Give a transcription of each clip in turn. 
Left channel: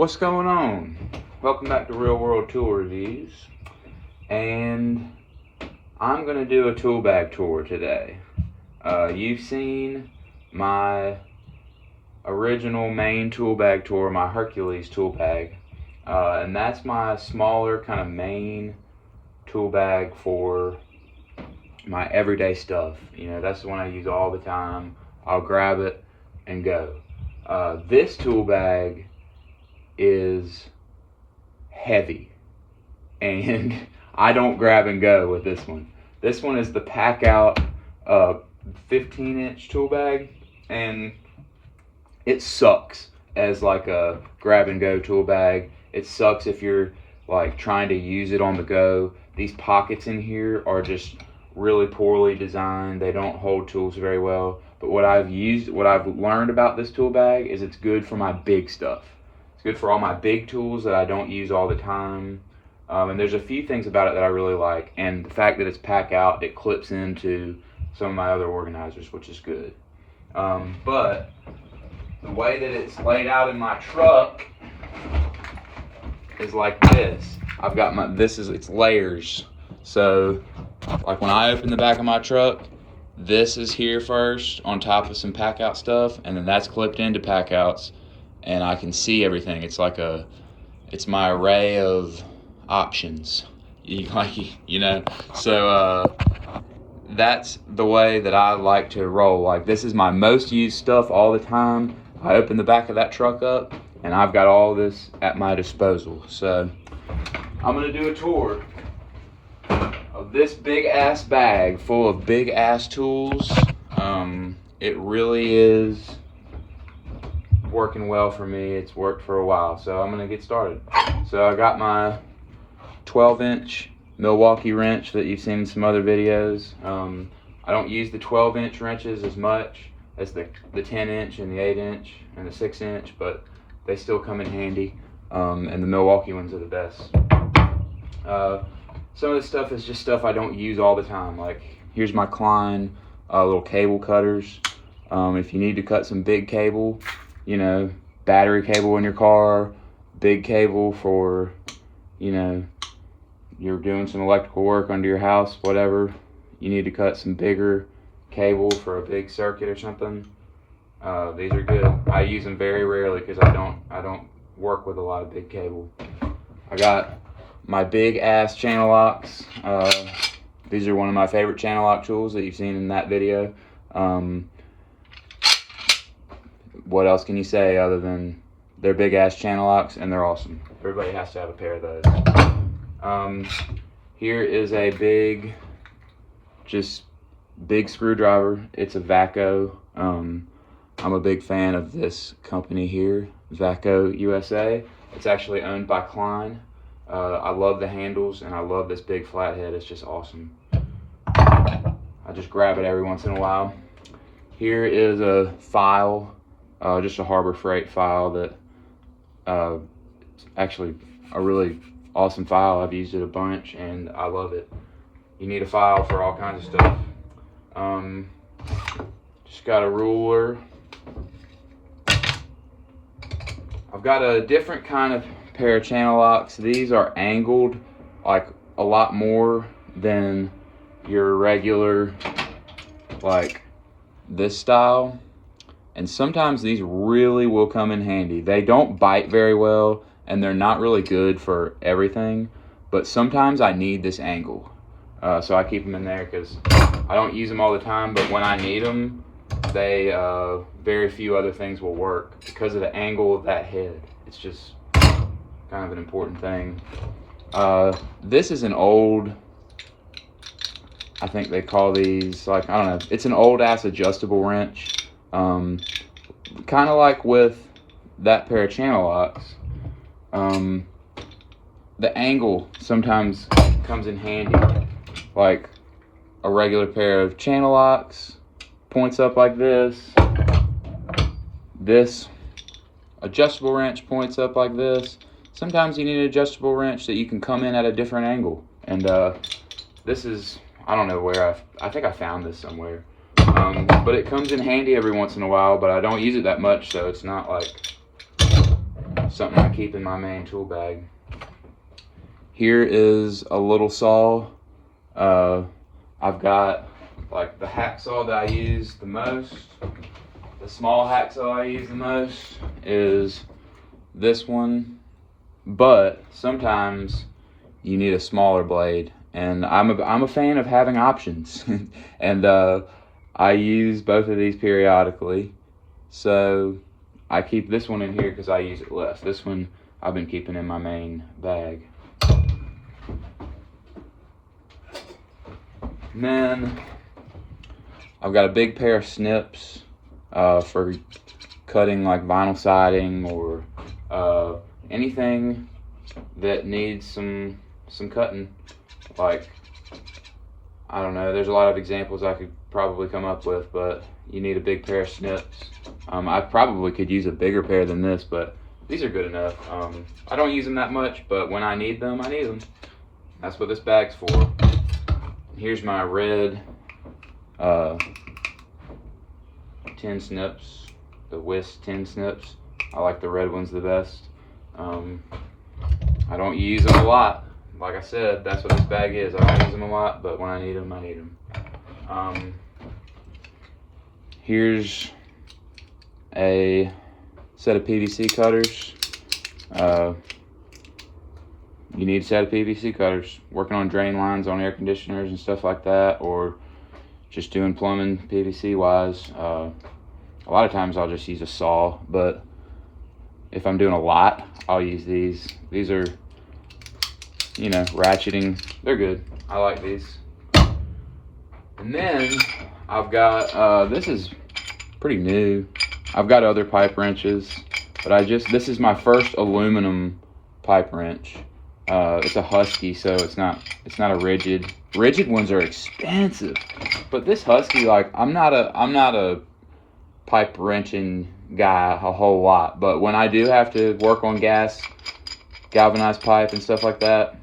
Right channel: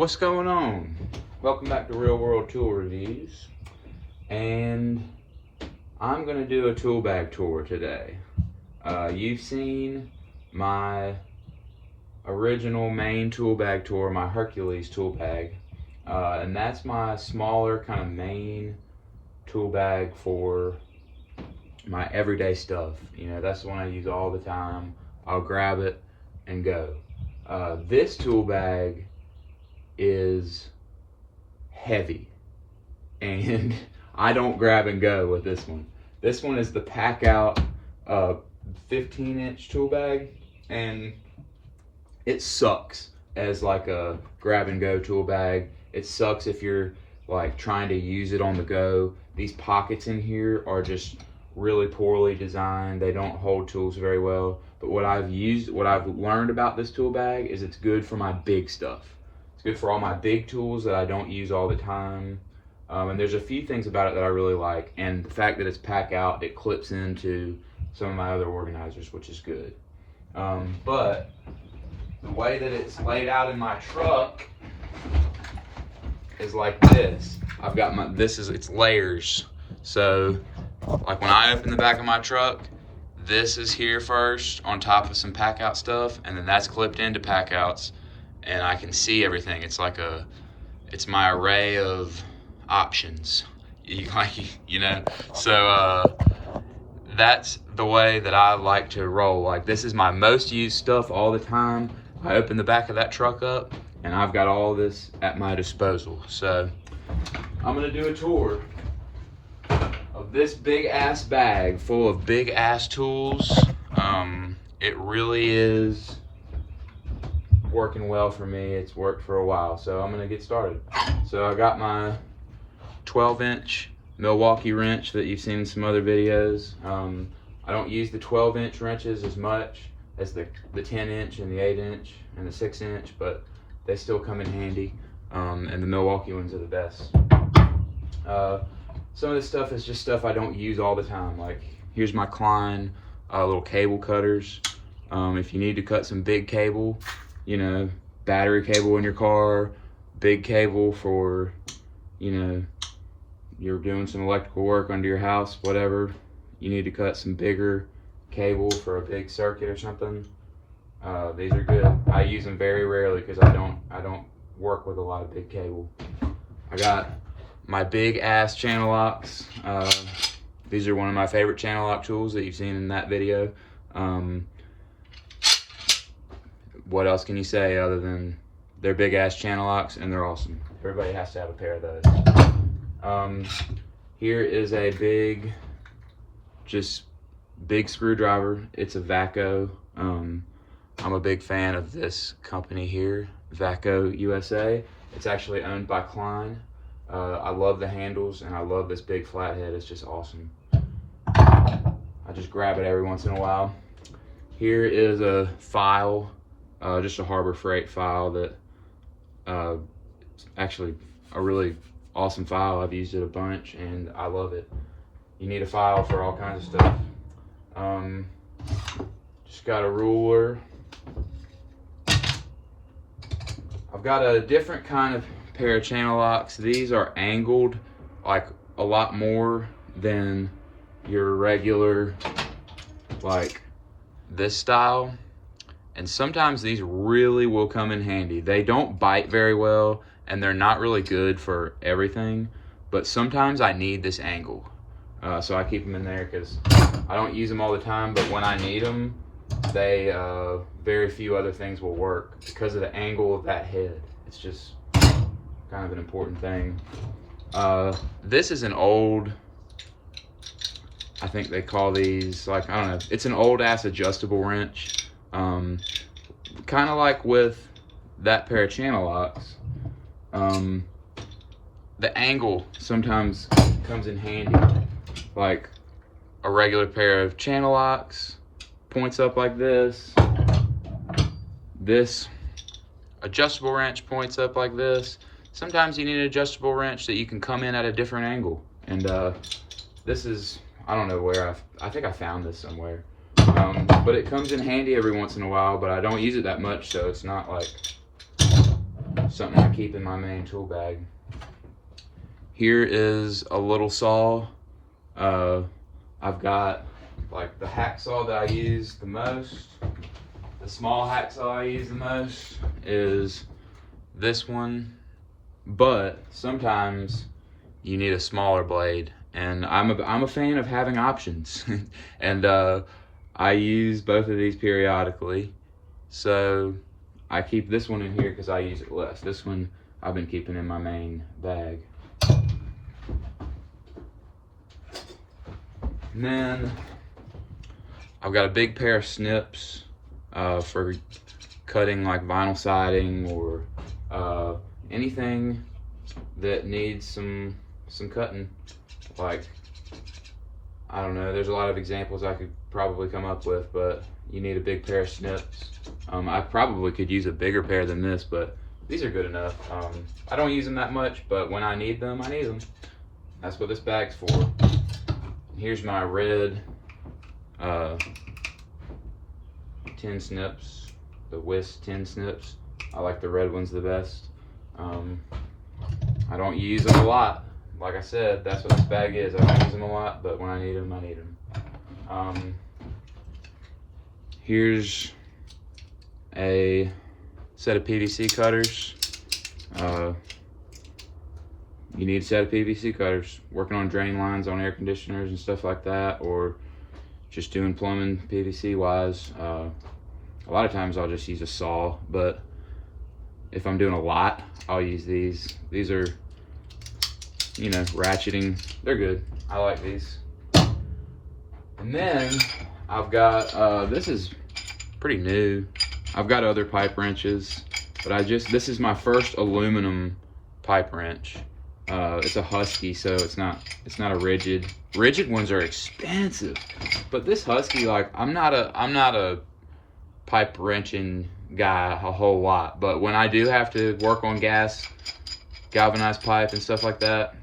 What's going on? Welcome back to Real World Tool Reviews, and I'm going to do a tool bag tour today. You've seen my original main tool bag tour, my Hercules tool bag, and that's my smaller kind of main tool bag for my everyday stuff. You know, that's the one I use all the time. I'll grab it and go. This tool bag is heavy, and I don't grab and go with this one. This one is the Packout 15-inch tool bag, and it sucks as like a grab and go tool bag. It sucks if you're like trying to use it on the go. These pockets in here are just really poorly designed. They don't hold tools very well. But what I've learned about this tool bag is it's good for my big stuff. It's good for all my big tools that I don't use all the time. And there's a few things about it that I really like. And the fact that it's Packout, it clips into some of my other organizers, which is good. But the way that it's laid out in my truck is like this. I've got it's layers. So like when I open the back of my truck, this is here first on top of some Packout stuff, and then that's clipped into Packouts, and I can see everything. It's my array of options. So that's the way that I like to roll. Like, this is my most used stuff all the time. I open the back of that truck up, and I've got all this at my disposal. So I'm gonna do a tour of this big ass bag full of big ass tools. It really is working well for me. It's worked for a while, so I'm gonna get started. So I got my 12-inch Milwaukee wrench that you've seen in some other videos. I don't use the 12-inch wrenches as much as the 10-inch and the 8-inch and the 6-inch, but they still come in handy. And the Milwaukee ones are the best. Some of this stuff is just stuff I don't use all the time. Like, here's my Klein little cable cutters. If you need to cut some big cable, you know, battery cable in your car, big cable for, you know, you're doing some electrical work under your house, whatever, you need to cut some bigger cable for a big circuit or something, these are good. I use them very rarely because I don't work with a lot of big cable. I got my big ass channel locks. These are one of my favorite channel lock tools that you've seen in that video. What else can you say other than they're big ass channel locks and they're awesome? Everybody has to have a pair of those. Here is a big screwdriver. It's a Vaco. I'm a big fan of this company here, Vaco USA. It's actually owned by Klein. I love the handles, and I love this big flathead. It's just awesome. I just grab it every once in a while. Here is a file, just a Harbor Freight file that it's actually a really awesome file. I've used it a bunch, and I love it. You need a file for all kinds of stuff. Just got a ruler. I've got a different kind of pair of channel locks. These are angled like a lot more than your regular, like this style, and sometimes these really will come in handy. They don't bite very well, and they're not really good for everything, but sometimes I need this angle, so I keep them in there because I don't use them all the time, but when I need them, they very few other things will work because of the angle of that head. It's just kind of an important thing. This is an old, I think they call these, like, I don't know, it's an old ass adjustable wrench. Kind of like with that pair of channel locks. The angle sometimes comes in handy. Like a regular pair of channel locks points up like this. This adjustable wrench points up like this. Sometimes you need an adjustable wrench that you can come in at a different angle. And this is, I don't know where, I think I found this somewhere. But it comes in handy every once in a while, but I don't use it that much, so it's not like something I keep in my main tool bag. Here is a little saw. I've got like the hacksaw that I use the most. The small hacksaw I use the most is this one, but sometimes you need a smaller blade, and I'm a fan of having options. And I use both of these periodically, so I keep this one in here because I use it less. This one I've been keeping in my main bag. And then I've got a big pair of snips for cutting like vinyl siding or anything that needs some cutting. Like, I don't know, there's a lot of examples I could probably come up with, but you need a big pair of snips. I probably could use a bigger pair than this, but these are good enough. I don't use them that much, but when I need them, I need them. That's what this bag's for. Here's my red 10 snips, the Whisk 10 snips. I like the red ones the best. I don't use them a lot. Like I said, that's what this bag is. I don't use them a lot, but when I need them, I need them. Here's a set of PVC cutters. You need a set of PVC cutters. Working on drain lines on air conditioners and stuff like that, or just doing plumbing PVC wise. A lot of times I'll just use a saw, but if I'm doing a lot, I'll use these. These are, you know, ratcheting. They're good. I like these. And then I've got, this is pretty new. I've got other pipe wrenches, but this is my first aluminum pipe wrench. It's a Husky, so it's not a rigid. Rigid ones are expensive, but this Husky, like, I'm not a pipe wrenching guy a whole lot, but when I do have to work on galvanized pipe and stuff like that,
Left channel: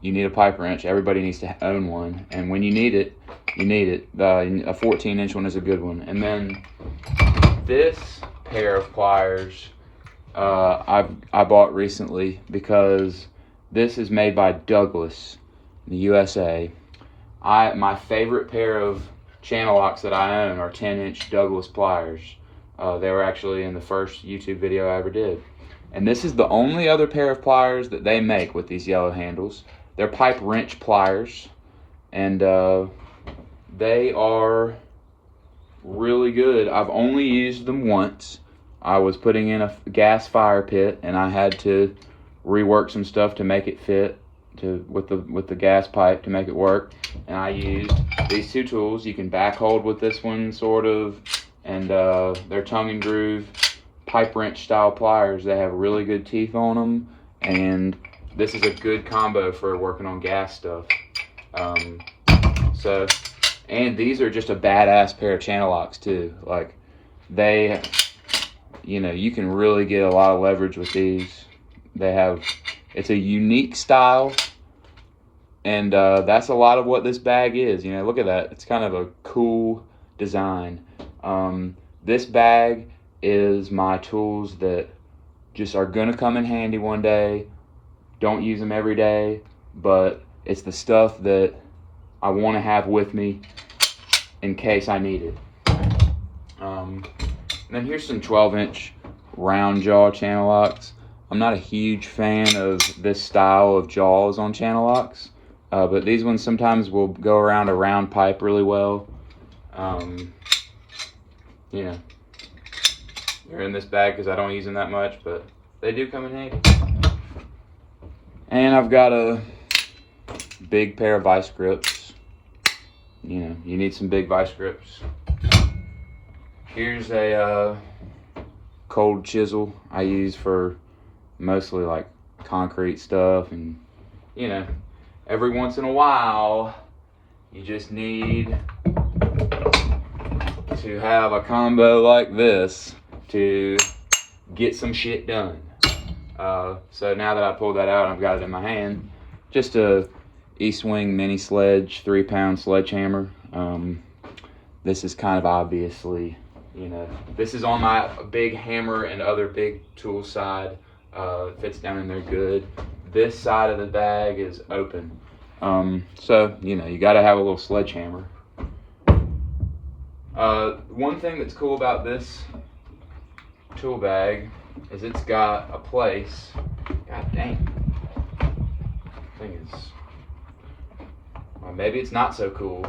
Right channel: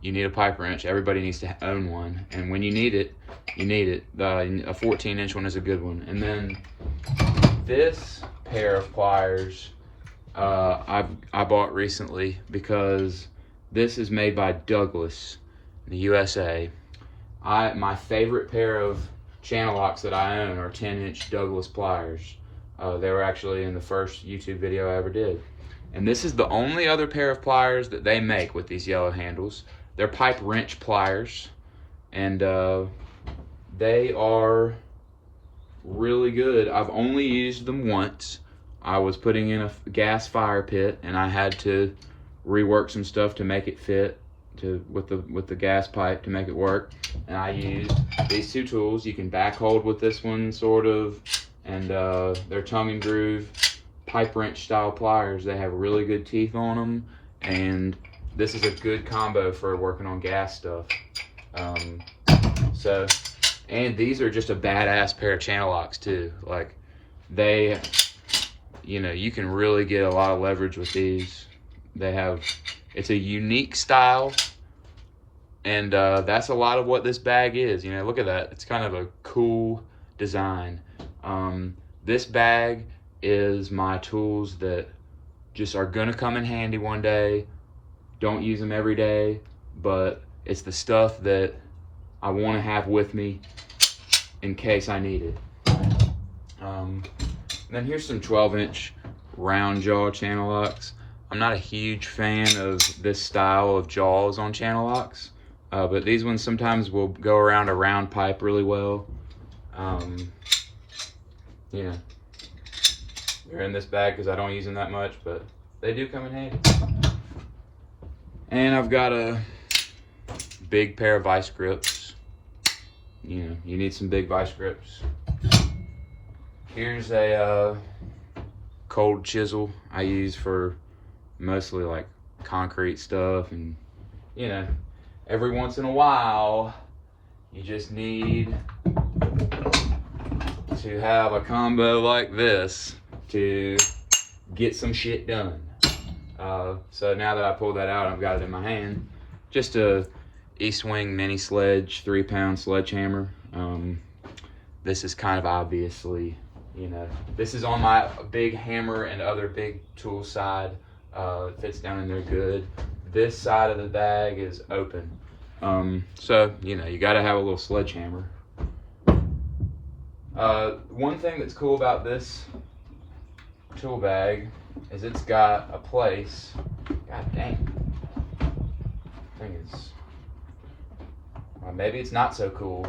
you need a pipe wrench. Everybody needs to own one, and when you need it, you need it. A 14-inch one is a good one. And then this pair of pliers I bought recently because this is made by Douglas, the USA. My favorite pair of channel locks that I own are 10-inch Douglas pliers. They were actually in the first YouTube video I ever did. And this is the only other pair of pliers that they make with these yellow handles. They're pipe wrench pliers, and they are really good. I've only used them once. I was putting in a gas fire pit, and I had to rework some stuff to make it fit with the gas pipe to make it work. And I used these two tools. You can back hold with this one, sort of, and they're tongue and groove pipe wrench style pliers. They have really good teeth on them, and this is a good combo for working on gas stuff. And these are just a badass pair of channel locks too. Like, they, you know, you can really get a lot of leverage with these. It's a unique style, and that's a lot of what this bag is. You know, look at that. It's kind of a cool design. This bag is my tools that just are gonna come in handy one day. Don't use them every day, but it's the stuff that I want to have with me in case I need it. And then here's some 12-inch round jaw channel locks. I'm not a huge fan of this style of jaws on channel locks, but these ones sometimes will go around a round pipe really well. You know, they're in this bag because I don't use them that much, but they do come in handy. And I've got a big pair of vice grips. You know, you need some big vice grips. Here's a cold chisel I use for mostly like concrete stuff, and you know, every once in a while you just need to have a combo like this to get some shit done. So now that I pulled that out and I've got it in my hand, just a East Wing mini sledge, 3-pound sledgehammer. This is kind of obviously You know, this is on my big hammer and other big tool side. Fits down in there good. This side of the bag is open. So, you know, you got to have a little sledgehammer. One thing that's cool about this tool bag is it's got a place. God dang. Thing is, well, maybe it's not so cool.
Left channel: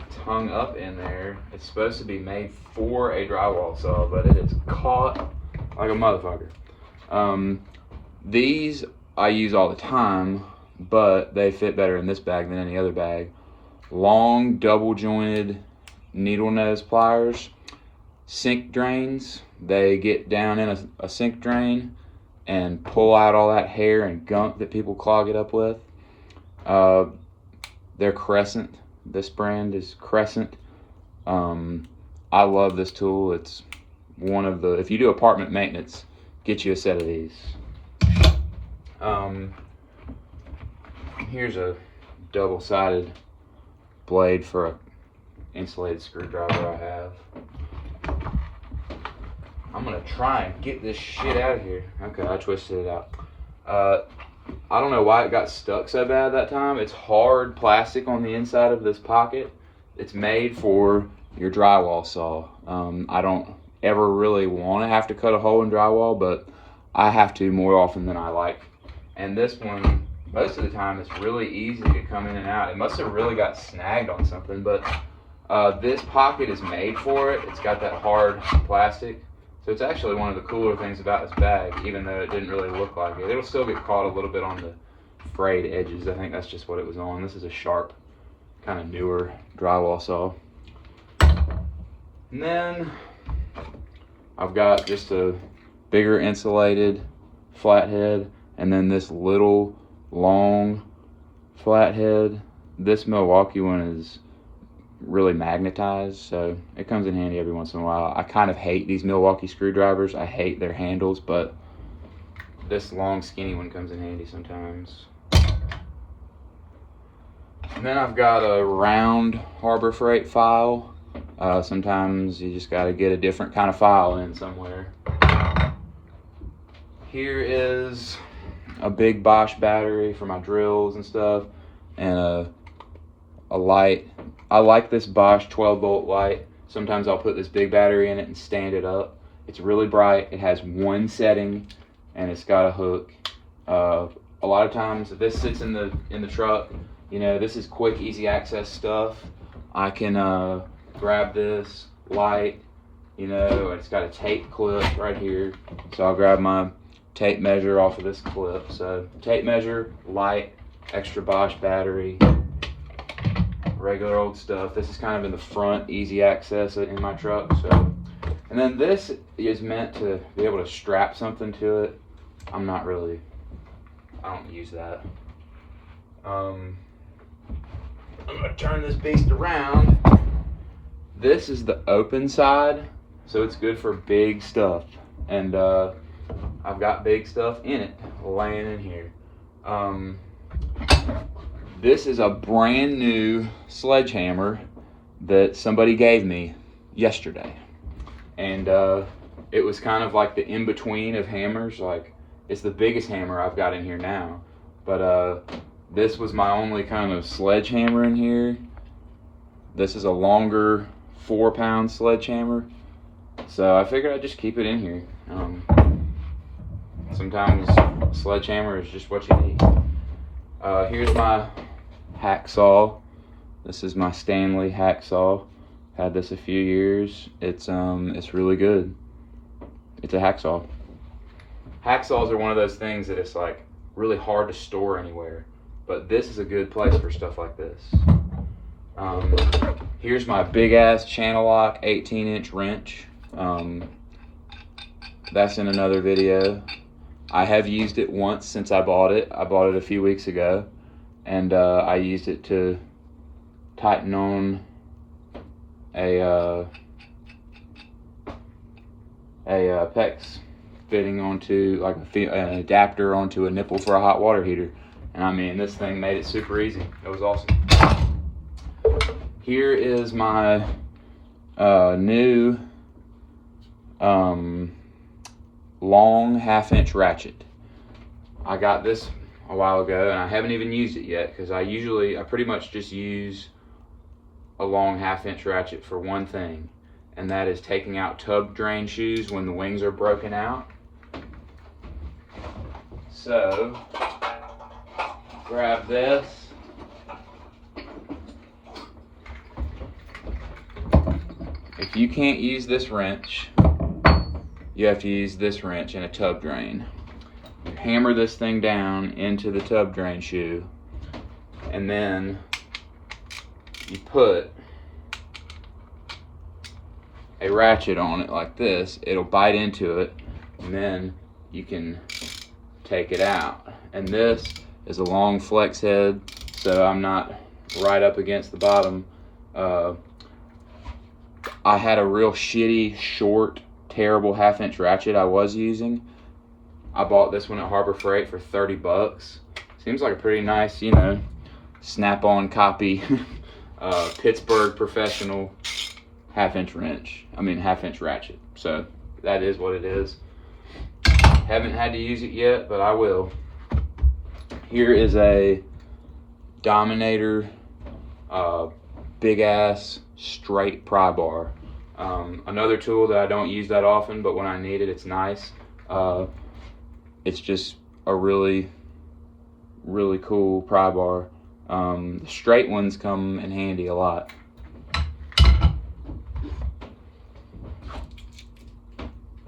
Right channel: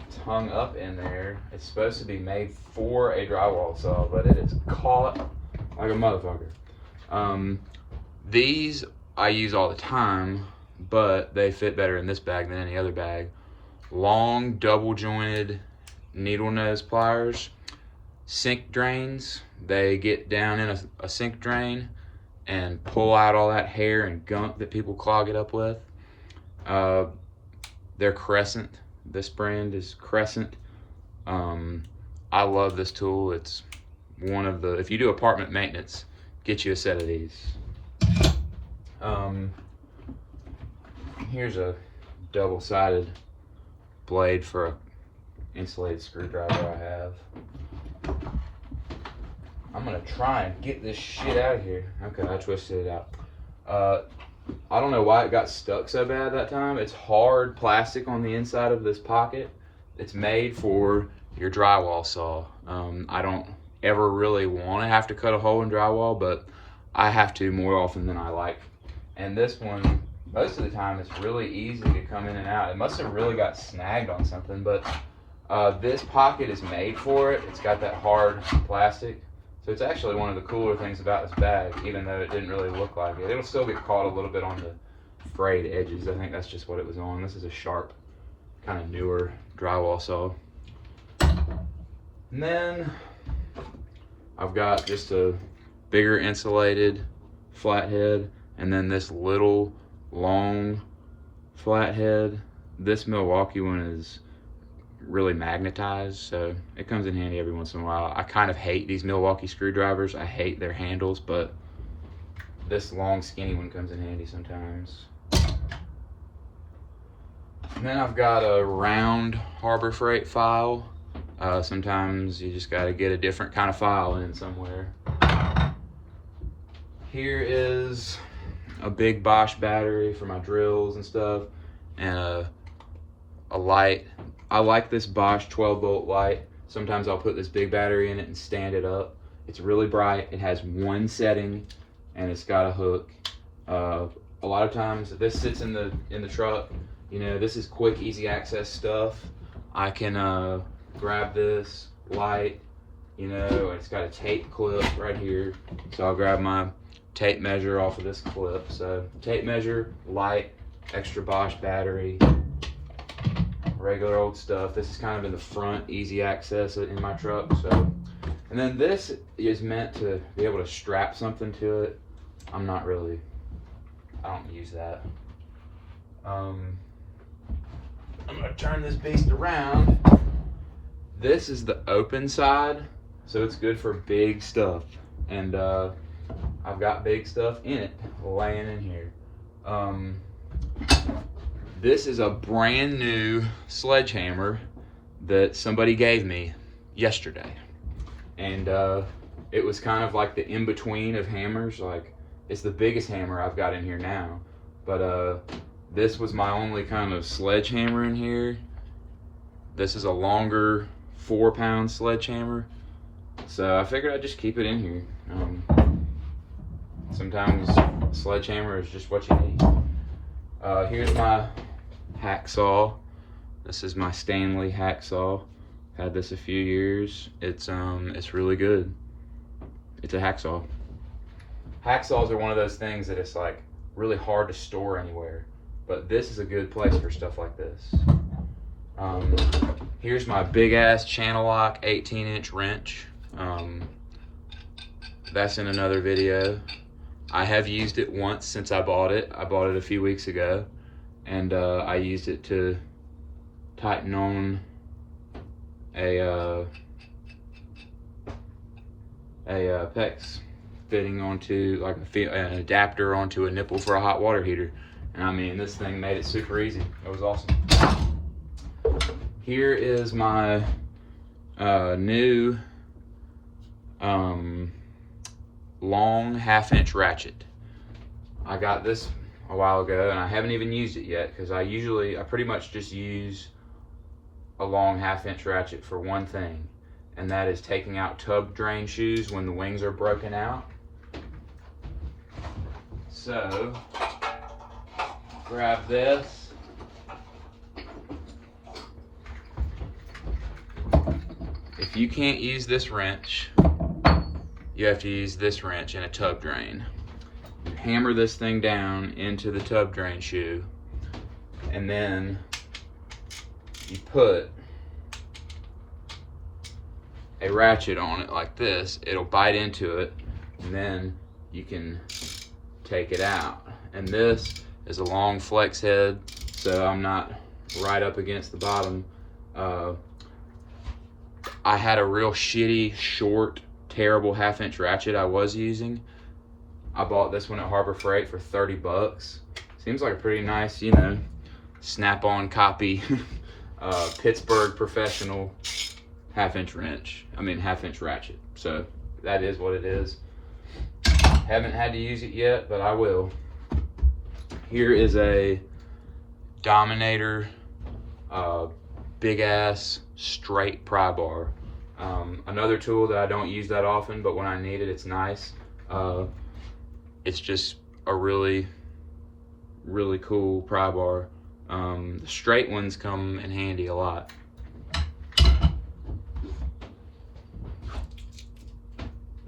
It's hung up in there. It's supposed to be made for a drywall saw, but it is caught like a motherfucker. These I use all the time, but they fit better in this bag than any other bag. Long double jointed needle nose pliers, sink drains. They get down in a sink drain and pull out all that hair and gunk that people clog it up with. They're Crescent. This brand is Crescent. I love this tool. It's one of the, if you do apartment maintenance, get you a set of these. Here's a double-sided blade for a insulated screwdriver I have. I'm gonna try and get this shit out of here. Okay, I twisted it out. I don't know why it got stuck so bad that time. It's hard plastic on the inside of this pocket. It's made for your drywall saw. I don't ever really want to have to cut a hole in drywall, but I have to more often than I like. And this one, most of the time, it's really easy to come in and out. It must have really got snagged on something, but this pocket is made for it. It's got that hard plastic. So it's actually one of the cooler things about this bag, even though it didn't really look like it. It'll still get caught a little bit on the frayed edges. I think that's just what it was on. This is a sharp, kind of newer drywall saw. And then I've got just a bigger insulated flathead, and then this little long flathead. This Milwaukee one is really magnetized, so it comes in handy every once in a while. I kind of hate these Milwaukee screwdrivers. I hate their handles, but this long skinny one comes in handy sometimes. And then I've got a round Harbor Freight file. Sometimes you just got to get a different kind of file in somewhere. Here is a big Bosch battery for my drills and stuff, and a light. I like this Bosch 12-volt light. Sometimes I'll put this big battery in it and stand it up. It's really bright. It has one setting, and it's got a hook. A lot of times, if this sits in the truck, you know, this is quick, easy access stuff. I can grab this light, you know, it's got a tape clip right here. So I'll grab my tape measure off of this clip. So tape measure, light, extra Bosch battery, regular old stuff. This is kind of in the front, easy access in my truck. So, and then this is meant to be able to strap something to it. I don't use that. I'm gonna turn this beast around. This is the open side, so it's good for big stuff. And I've got big stuff in it, laying in here. This is a brand new sledgehammer that somebody gave me yesterday. And it was kind of like the in-between of hammers. Like, it's the biggest hammer I've got in here now. But this was my only kind of sledgehammer in here. This is a longer 4-pound sledgehammer. So I figured I'd just keep it in here. Sometimes a sledgehammer is just what you need. Here's my hacksaw. This is my Stanley hacksaw. Had this a few years. It's really good. It's a hacksaw. Hacksaws are one of those things that it's like really hard to store anywhere, but this is a good place for stuff like this. Here's my big ass channel lock 18-inch wrench. That's in another video. I have used it once since I bought it. I bought it a few weeks ago, and I used it to tighten on a PEX fitting onto, like an adapter onto a nipple for a hot water heater. And I mean, this thing made it super easy. It was awesome. Here is my new long 1/2-inch ratchet. I got this a while ago and I haven't even used it yet because I pretty much just use a long 1/2-inch ratchet for one thing, and that is taking out tub drain shoes when the wings are broken out. So grab this. If you can't use this wrench, you have to use this wrench in a tub drain. You hammer this thing down into the tub drain shoe, and then you put a ratchet on it like this. It'll bite into it, and then you can take it out. And this is a long flex head, so I'm not right up against the bottom. I had a real shitty, short, terrible 1/2-inch ratchet I was using. I bought this one at Harbor Freight for $30. Seems like a pretty nice, snap-on copy, Pittsburgh professional 1/2-inch ratchet. So that is what it is. Haven't had to use it yet, but I will. Here is a Dominator big ass straight pry bar. Another tool that I don't use that often, but when I need it, it's nice. It's just a really, really cool pry bar. The straight ones come in handy a lot.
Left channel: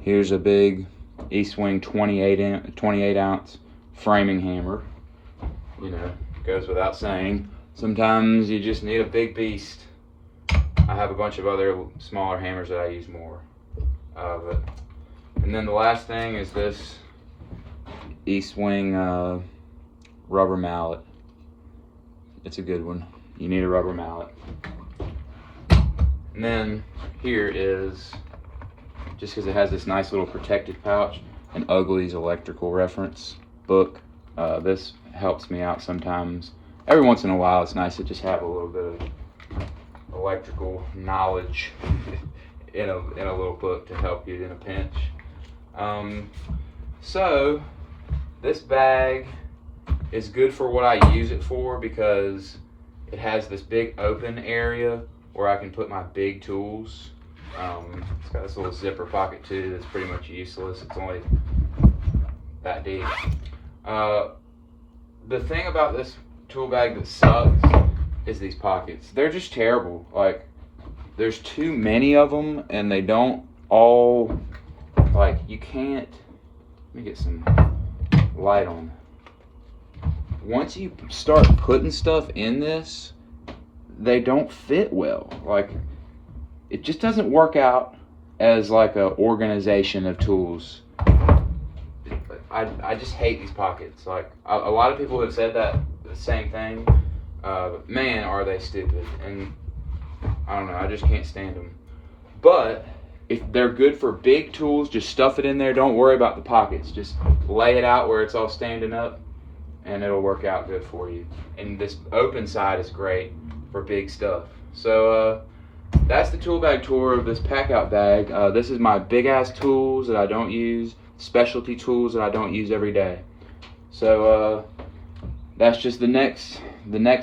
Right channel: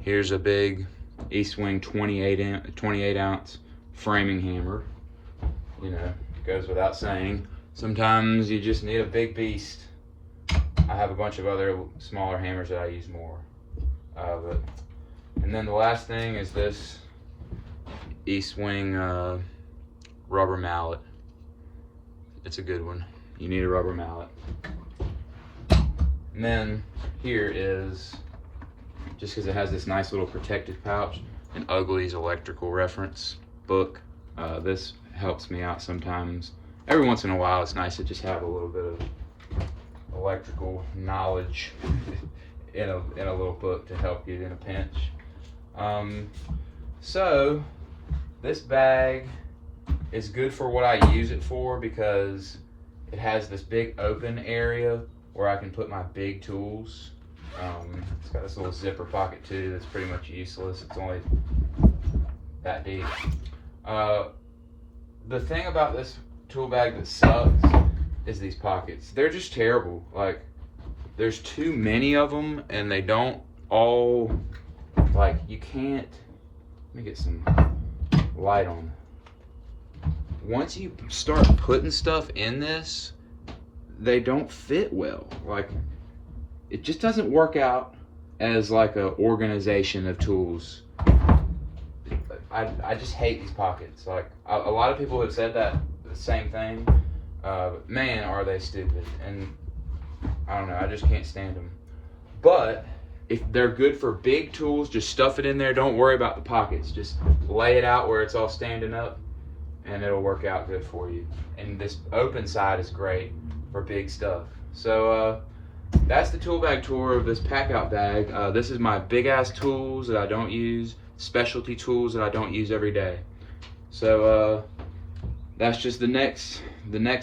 Here's a big East Wing 28 ounce framing hammer. Goes without saying. Sometimes you just need a big beast. I have a bunch of other smaller hammers that I use more. And then the last thing is this East Wing rubber mallet. It's a good one. You need a rubber mallet. And then here is, just because it has this nice little protective pouch, an Ugly's electrical reference book. This helps me out sometimes. Every once in a while, it's nice to just have a little bit of electrical knowledge in a little book to help you in a pinch. So this bag is good for what I use it for, because it has this big open area where I can put my big tools. It's got this little zipper pocket too that's pretty much useless. It's only that deep. The thing about this tool bag that sucks is these pockets. They're just terrible. Like, there's too many of them, and they don't all, you can't, let me get some light on. Once you start putting stuff in this, they don't fit well. It just doesn't work out as an organization of tools. I just hate these pockets. A lot of people have said the same thing. But man, are they stupid. And I don't know, I just can't stand them. But if they're good for big tools, just stuff it in there. Don't worry about the pockets. Just lay it out where it's all standing up, and it'll work out good for you. And this open side is great for big stuff. So that's the tool bag tour of this Packout bag. This is my big ass tools that I don't use, specialty tools that I don't use every day. So that's just the next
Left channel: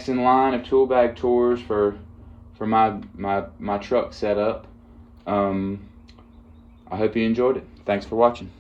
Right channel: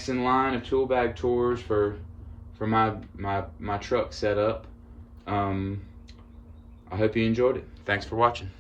in line of tool bag tours for my truck setup. I hope you enjoyed it. Thanks for watching.